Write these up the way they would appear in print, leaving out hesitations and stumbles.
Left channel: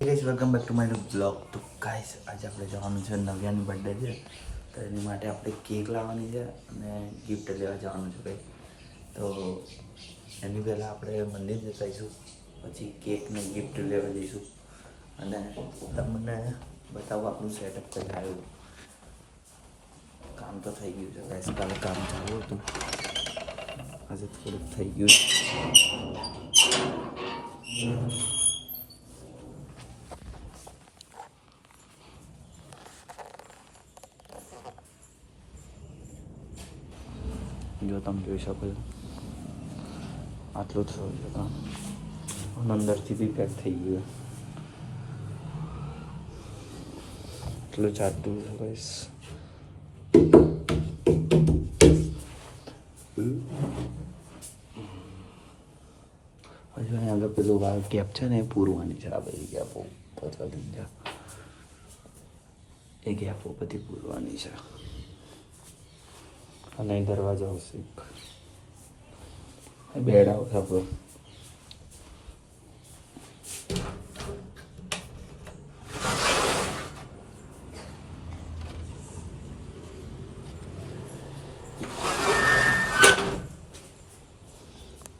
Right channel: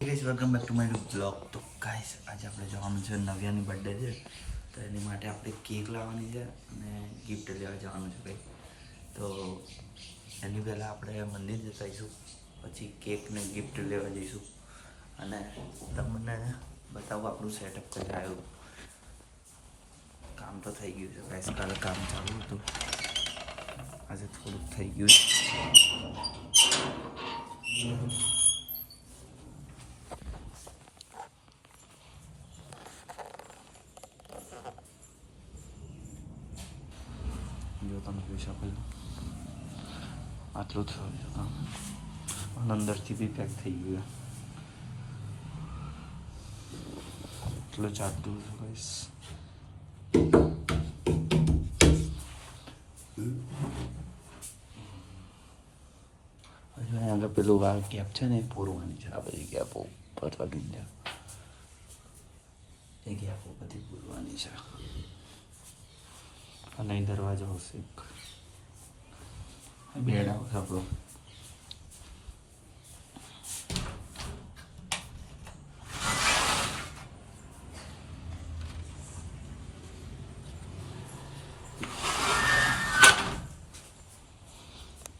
Guys welcome back to my blog. તો guys આજે આપણે જવાનું છે, નવ્યાની બર્થડે છે, તો એની માટે આપણે કેક લાવવાની છે અને ગિફ્ટ લેવા જવાનું છે ભાઈ. તો એની પહેલાં આપણે મંદિર જતા આવીશું, પછી કેક ને ગિફ્ટ લેવા જઈશું અને તમને બતાવું આપણું સેટઅપ કરી આવ્યું. કામ તો થઈ ગયું છે ગાઈસ, કાલે કામ ચાલુ હતું, આજે થોડુંક થઈ ગયું છે. જો તમે જોઈ શકો છો આટલું થયું છે કામ, અંદરથી બી પેક થઈ ગયું, આટલું ચાલતું છે ગાઈસ. હજુ આગળ પેલું વાળ ગેપ છે ને એ પૂરવાની છે, આ બધી ગેપો ઉપર લગી છે, એ ગેપો બધી પૂરવાની છે અને દરવાજો આવશે, બેડ આવશે આપણો.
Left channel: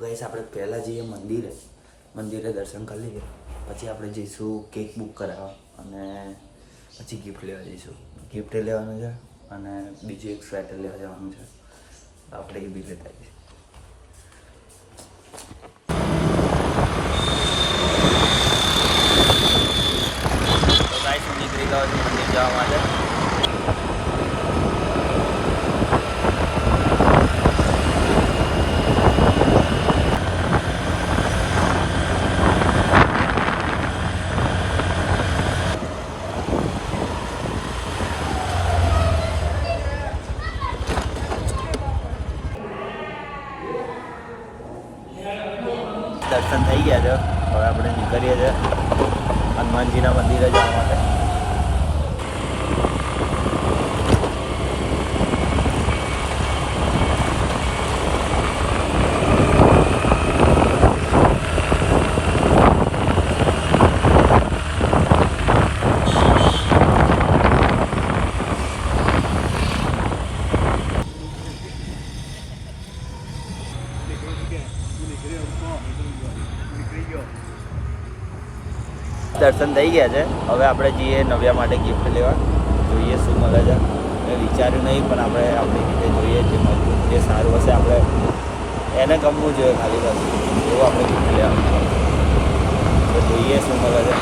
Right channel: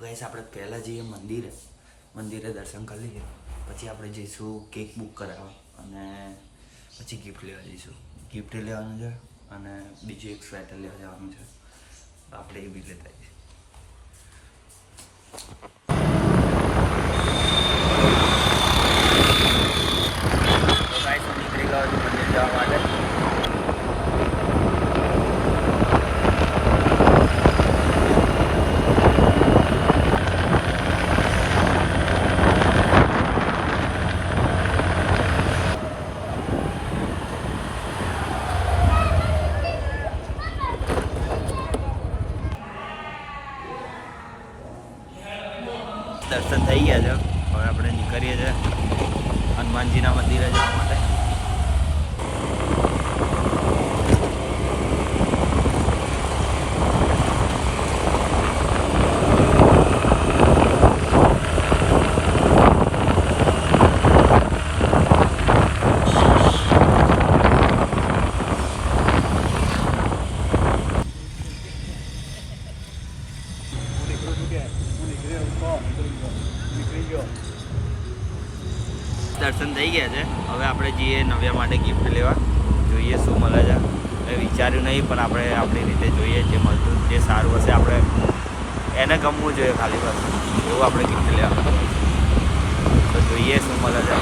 ગાઈસ આપણે પહેલાં જઈએ મંદિરે દર્શન કરી લઈએ, પછી આપણે જઈશું કેક બુક કરાવવા અને પછી ગિફ્ટ લેવા જઈશું. ગિફ્ટ લેવાનું છે અને બીજું એક સ્વેટર લેવા જવાનું છે, આપણે એ બી લેતા આવીએ. તો ગાઈસ હું નીકળી ગયો છું મંદિર જવા માટે. દર્શન થઈ ગયા છે, હવે આપણે નીકળીએ છીએ હનુમાનજીના મંદિરે જવા માટે. દર્શન થઈ ગયા છે, હવે આપણે જઈએ નવ્યા માટે ગિફ્ટ લેવા. જોઈએ શું મળે છે, મેં વિચાર્યું નહીં પણ આપણે આપણી રીતે જોઈએ, જે મળતું જે સારું હશે આપણે એને ગમવું જોઈએ, ખાલી બસ એવું આપણે ગિફ્ટ લેવાનું. તો જોઈએ શું મળે છે.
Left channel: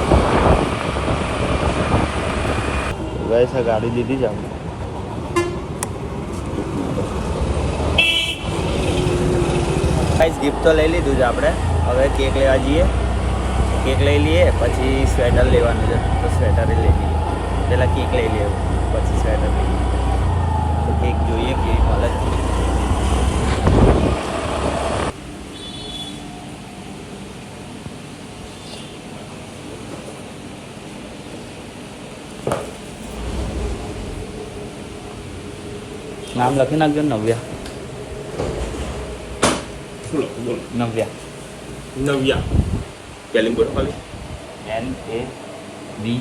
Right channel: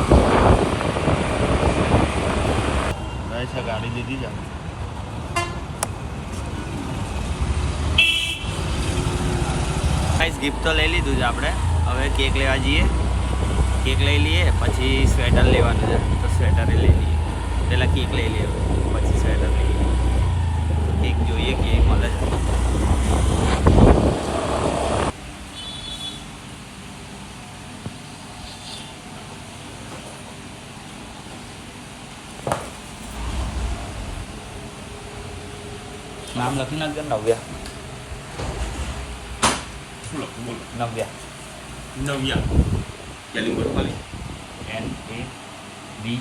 ગાઈસ ગાડી દીધી છે આપણે. ગાઈસ ગિફ્ટ તો લઈ લીધું છે આપણે, હવે કેક લેવા જઈએ. કેક લઈ લઈએ પછી સ્વેટર લેવાનું છે, તો સ્વેટર લઈ લઈએ. પહેલાં કેક લઈ લઈએ પછી સ્વેટર લઈએ. તો કેક જોઈએ કેવી મળે છે. નામ લખી નાખજો ને. શું લખું બોલો? નવ્યા સ્પેલિંગ બોલો ખાલી. NAVYA.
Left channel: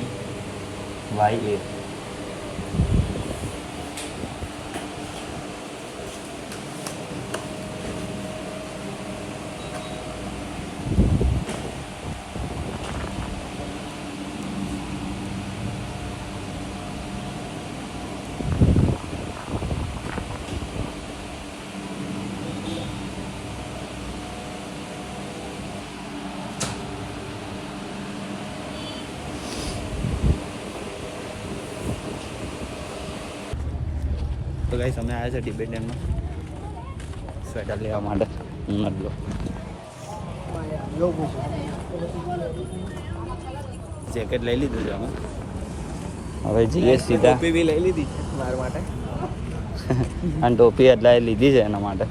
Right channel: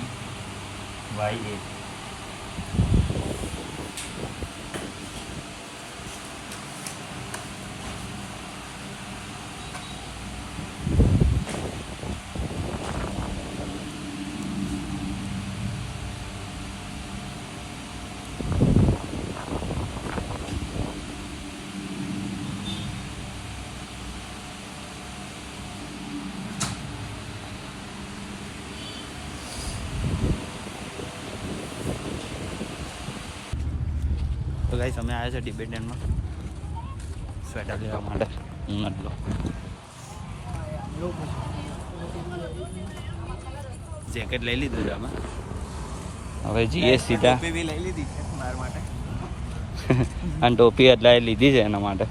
તો ગાઈસ અમે આવ્યા છે ટિબેટનમાં સ્વેટર લેવા માટે. હું નથી લો જેકેટ લઈ લીધું છે અમે, હવે જઈએ સીધા. ટોપી બી લઈ લીધી છે મારા માટે. અને ટોપી એટલે લીધી છે એના માટે.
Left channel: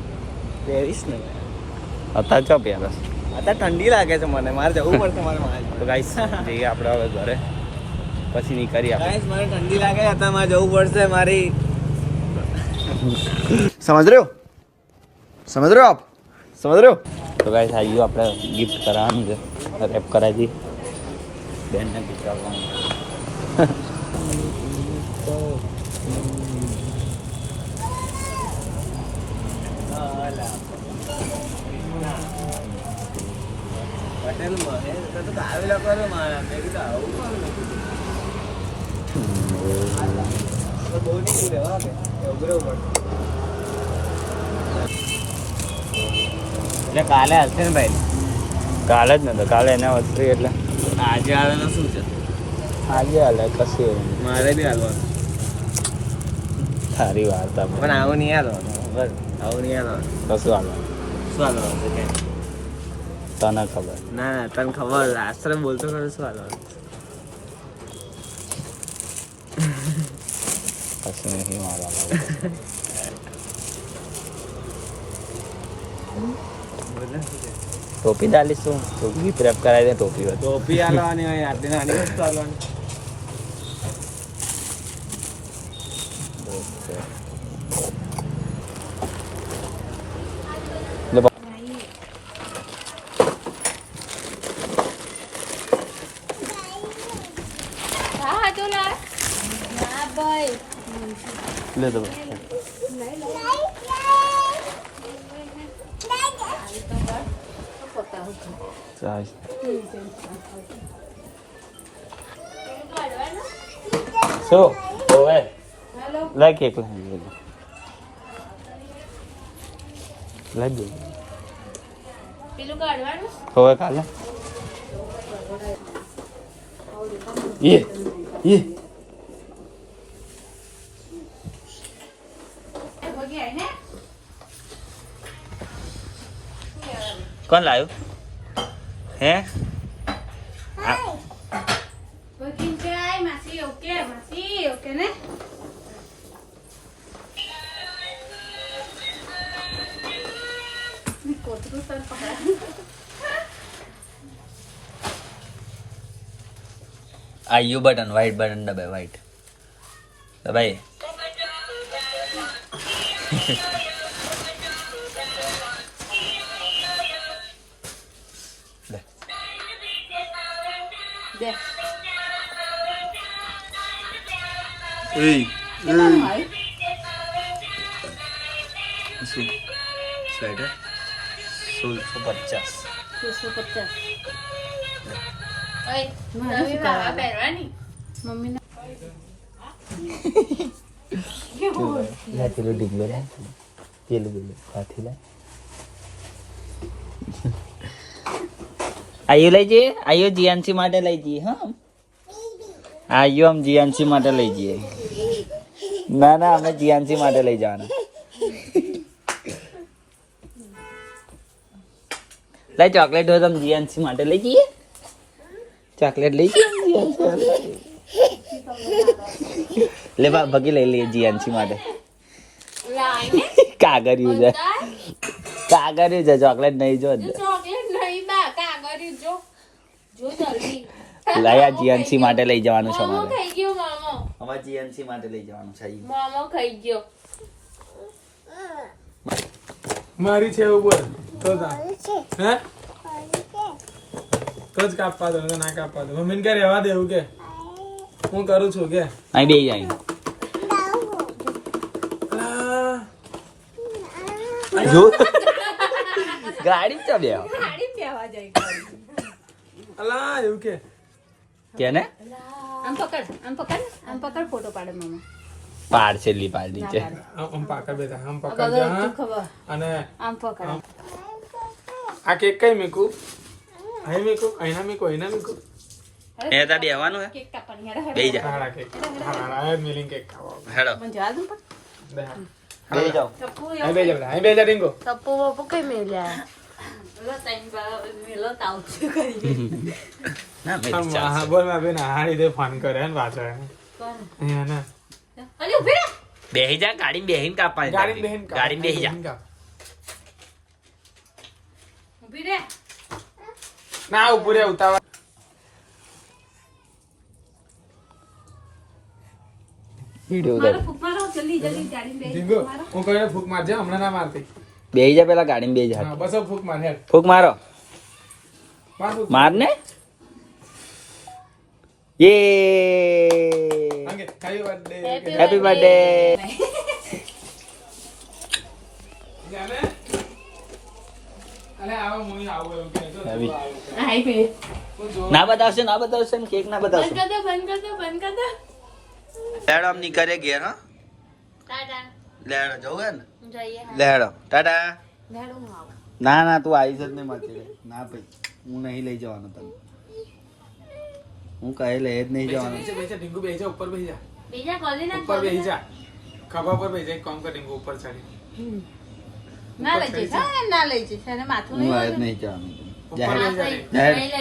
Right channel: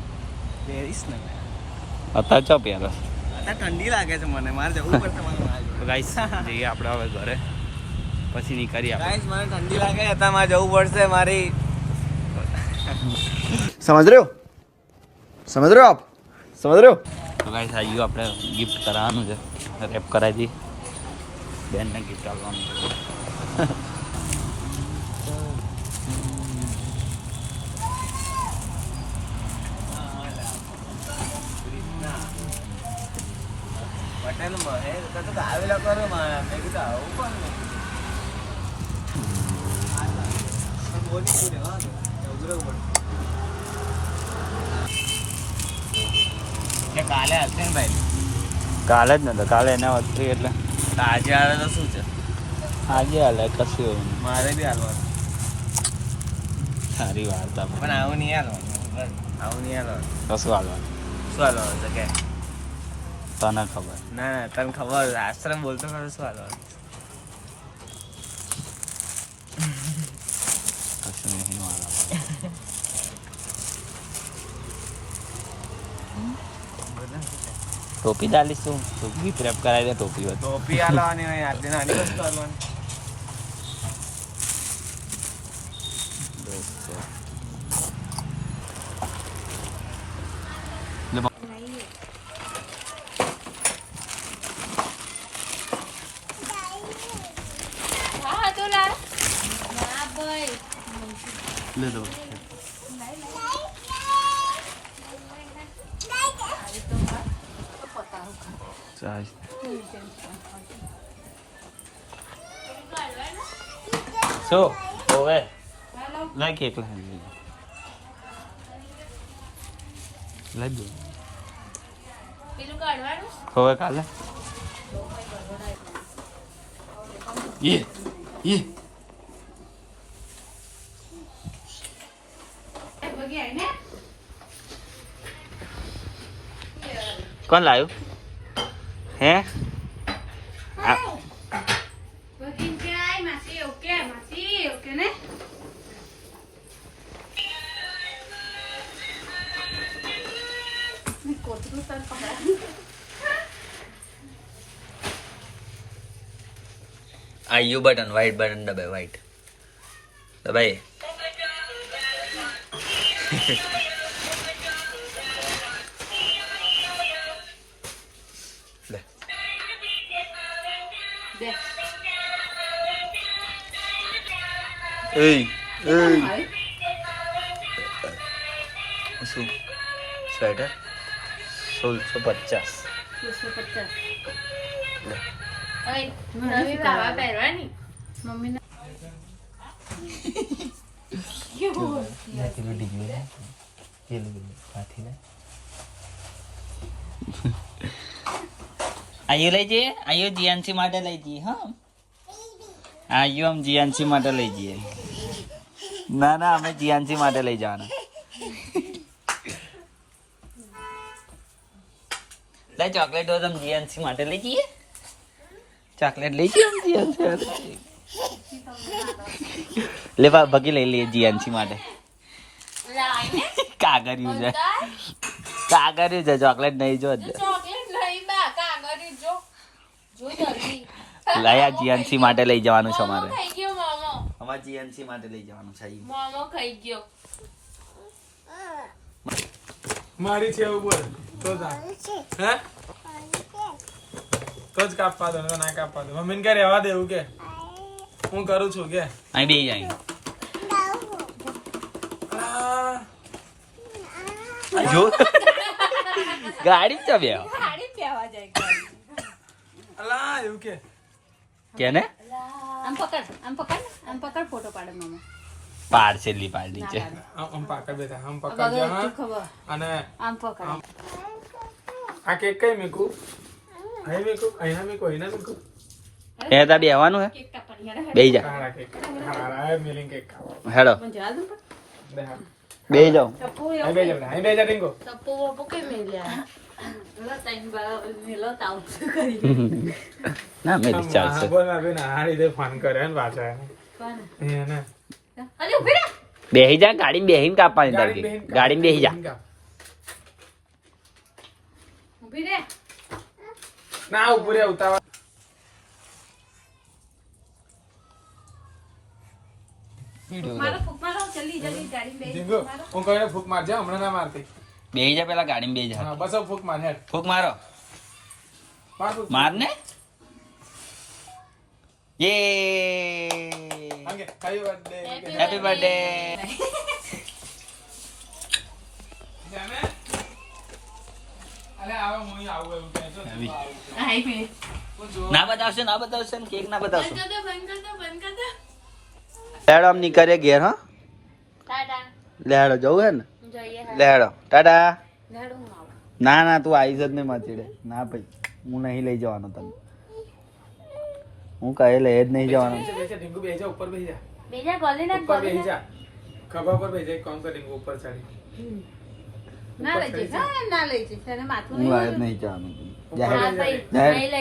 પહેરીશ ને અત્યારે ચો પહેરો? અત્યારે ઠંડી લાગે છે મને, મારે જવું પડશે મારે. તો ગાઈસ જઈએ આપણે હવે ઘરે, પછી નીકળીએ આપણે. ગાઈસ મને ઠંડી લાગે, અત્યારે મારે જવું પડશે મારી. समझ रहे हो आप समझ रहे हो? तो गाइस आइयो આપણે ગિફ્ટ કરાવવાનું છે, રેપ કરાવી દી. બેનને ગીત ગાવાનું પટેલમાં હે તો આવેલા કરો મારા મેં કીધું આવું પણ બહુ નહીં દૂર રહેવા કે ઉભરે ઉપર એટલે કાલે હશે ને ભાઈ કાલે જ નતો કાલે એના વધતું એટલે આજે આવે તો શું છે આજે હાલે કશું મારે બી હાલવાનું સારી વાર્તા પણ આવું નહીં હાલવાનું આવું નહીં હાલવાનું કશું હાલવાનું શું હાલવાનું તો કે તને ખબર ના ના તને ખબર આશરે બોલતો ખરો શું હાલવાનું કશું નહીં મારા ટોપી ડાલીશ તું ટોપી પ્રેપ કરાવી દે ટોપી હોય ટોપી હાલવાની હોય આટલી નાની વસ્તુ હાલવાની હા તો લા હા ભાઈ લે દો ચાલ સો ઓવે લે કેક લાવી લે દે પેલું કાઢવાનું હવે કાલે ये कौन लायो है બગીન ચાય માસી ઓકે ને કોતરું સર પકડા आयु बटन वाइट बटन दबाए वाइट दबाए ले દે ए ભાઈ શું સ્વેટર 1650 250 ઓય મને નવી શું લાવા કરાવે? પહેરવાની મમ્મીને લાથી લો ડીગલો ના પેલું બોલે લાથી લા આયુ લઈ જઈએ આયુ જીએનસી માટે લઈ જઈએ હા આયુ हम જીએનસી માટે લઈ જઈએ ના ના અમે જીએનસી માટે લઈ જવાના લઈ ચોકલેટ હોય તો हम જીએનસી માટે લઈ જઈએ ચોકલેટ લઈ જઈએ જીએનસી લે ભગી લઈ લઈએ જીએનસી માટે લાઈને કાગરિયું છે કાગરિયું છે ચોકલેટ નહીં જો ચોકલેટ નહીં બા કાગરી જો જલ્દી લાયા જીએનસી માટે લઈ જવાનું છે મોમો અમારે ખાઈ ગયો મોમો અમારે જીએનસી માટે લઈ જવાનું છે મોમો ખાઈ ગયો મારી છે એવું બોલ તો હે તો જ કાપવા દો ના કાપવા દો મમ્મીને કે રહેવા દે એવું કે હું કરું છું કે અહીં બે જાય જો ગાડી છે બે ગાડી પેવા જાય અલા એવું કે કેને આમ પકડ ફોટો પાડે મમ્મી પાર્સેલી પાડી છે આમ પાકડ બેઠા આમ પકડ અગર દે તું હા ખબર અને આમ પકડ આ કેક કઈ મીકું અહીં મીકું અહીંના મીકું અહીંના મીકું એ તા બેવાનું હે કેક કાપવાની હેડો બે જા હાડા કેક હા મિલિંગ કેક ખાવા હેડો પણ જા દઉં દે હા બે જો ટપુ અહીં બે જા અહીં બે જા રિંગો ટપુ બપુ કઈ મેલ્યા લા તઈન બા મેલો તાવ કરી ના મેં હા ચાલશે બોલ માં બેન હારી દે ફોન કરે ને પાછો કોણ હે ને અલે ઉભી રહે બેહી જા ગાડી બેહીને કાપવાની તારી ગાડી બેહી જા ઉભી રહે ના ઉપરે ઉતાવળ વિડિયો મારો ફૂક મારો જલ્દી જલ્દી ગાડી મેં રિંગો હું કોઈને ફૂક મારજે હમણાં ના મારતી બેહી જા પેલા ગાડીમાં બેહી જા હા બસ હવે ફૂક માર હેડ ફૂક મારો માર ફૂક માર ને યે અંગે હેપી બર્થડે હેપી બર્થડે જાને અલે આવો મુઈ આવો એવું કહે જો હેવી. હાઈ પે ના બતાવશે ને કેક ના બતાવશે બંધ કર દે લેડો આમ નીકળે ઘેર હા ટાટા લેડો જવું હે ને જોઈએ લેડો ટાટા ઝાડું આવું ના ના તું આઈ જ નહીં માથી રે ના ભાઈ હું નહીં લઈ જવાનો તને હું કહે લઈ જ નહીં જવાનો બેસા ઢીંગુ બેસા ઉપર બેસી જા બીજા કોલી ના ઉપર બેસી જા ખભા પર બેસી જા, એક કામ કર ઢીંગુ ઉપર ચડી ના લઈ જઈશ હા, ના લઈ જઈશ એને માથું હું નહીં લઈ જ નહીં જવાનો જાહેર નહીં લઈ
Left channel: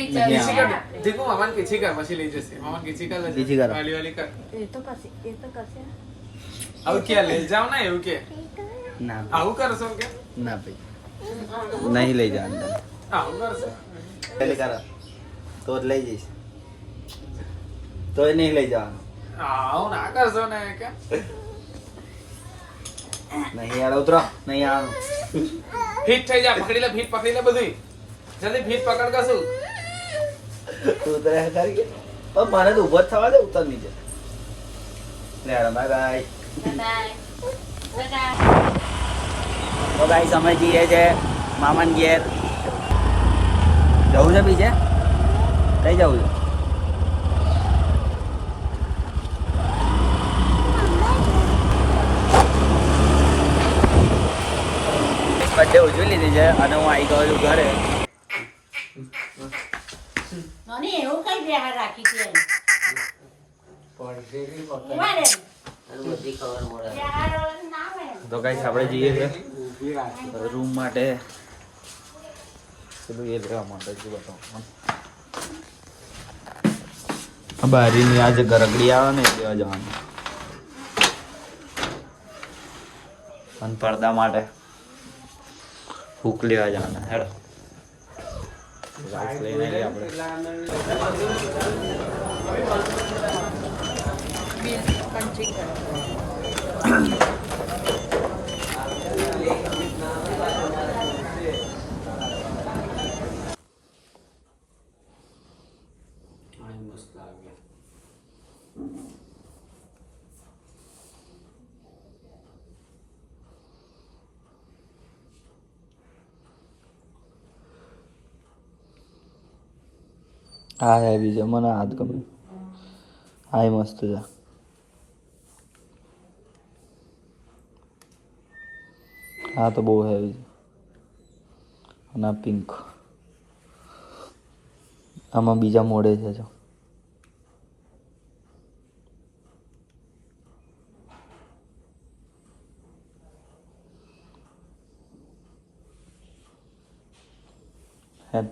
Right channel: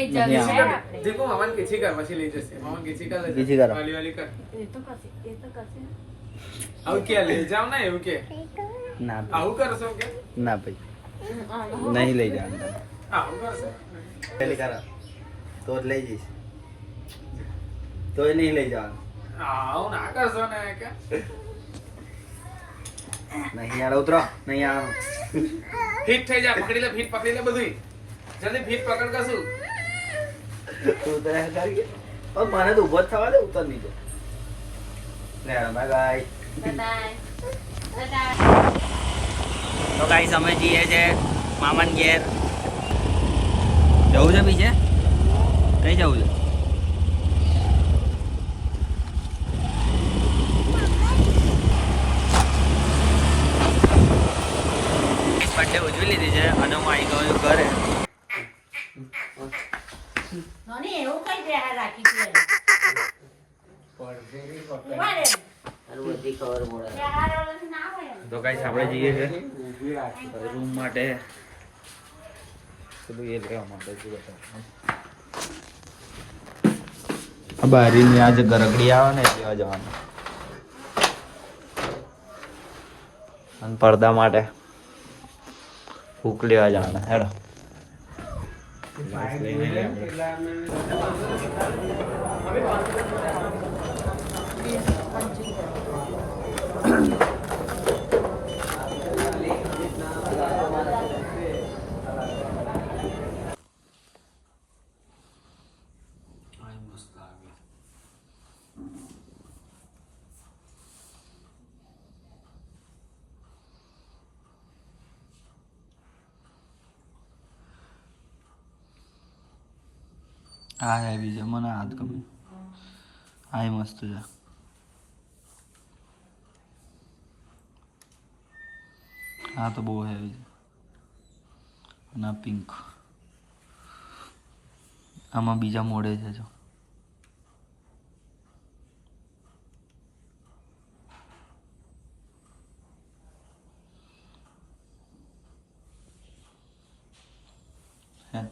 નહીં જવાનું. આવવાનું. ઢીંગુ મામાને કીચી કર પછી લઈ જશે મામાને કીચી કર કીચી કરો. વાલી વાલી કર એ તો કરશે આવું ક્યાં લઈ જાવ ને એવું કે ના આવું કરશો કે ના ભાઈ નહીં લઈ જવાનું તને આવું કરશો પેલી કરા તો જ લઈ જઈશ તોય નહીં લઈ જવાનું આવું ના કરશો ને કે નહીં યાર ઉતરો નહીં આવવાનું ફીટ થઈ જા પકડી લે બધું જલ્દી ફીટ પકડ કશું ઉતરે તારી પણ મને તો ઉભો જ થવા દે ઉતર નીચે લેડો બાય બાય બાય ટાટા તો ગાઈસ અમે જઈએ છે મામાન ઘેર જવું છે બીજે કઈ જવું છે બર્થડે ઉજવી લીધી છે અને હું આવી ગયો છું ઘરે નોની એવું કઈ બેહાર રાખી છે તો ગાઈસ આપણે જઈએ છે રૂમ માટે પેલું એ લેવા માટે શું બતાવું બારીની આજે ગરગડી આવે ને લેવા જવાનું અને પડદા માટે હૂક લેવા જવાના હેડો લઈને આવીએ આપણે હા હેવી છે મને હાથ ગમે હા મસ્ત છે હા તો બહુ હેવી છે અને પિંક આમાં બીજા મોડે છે જો હેડ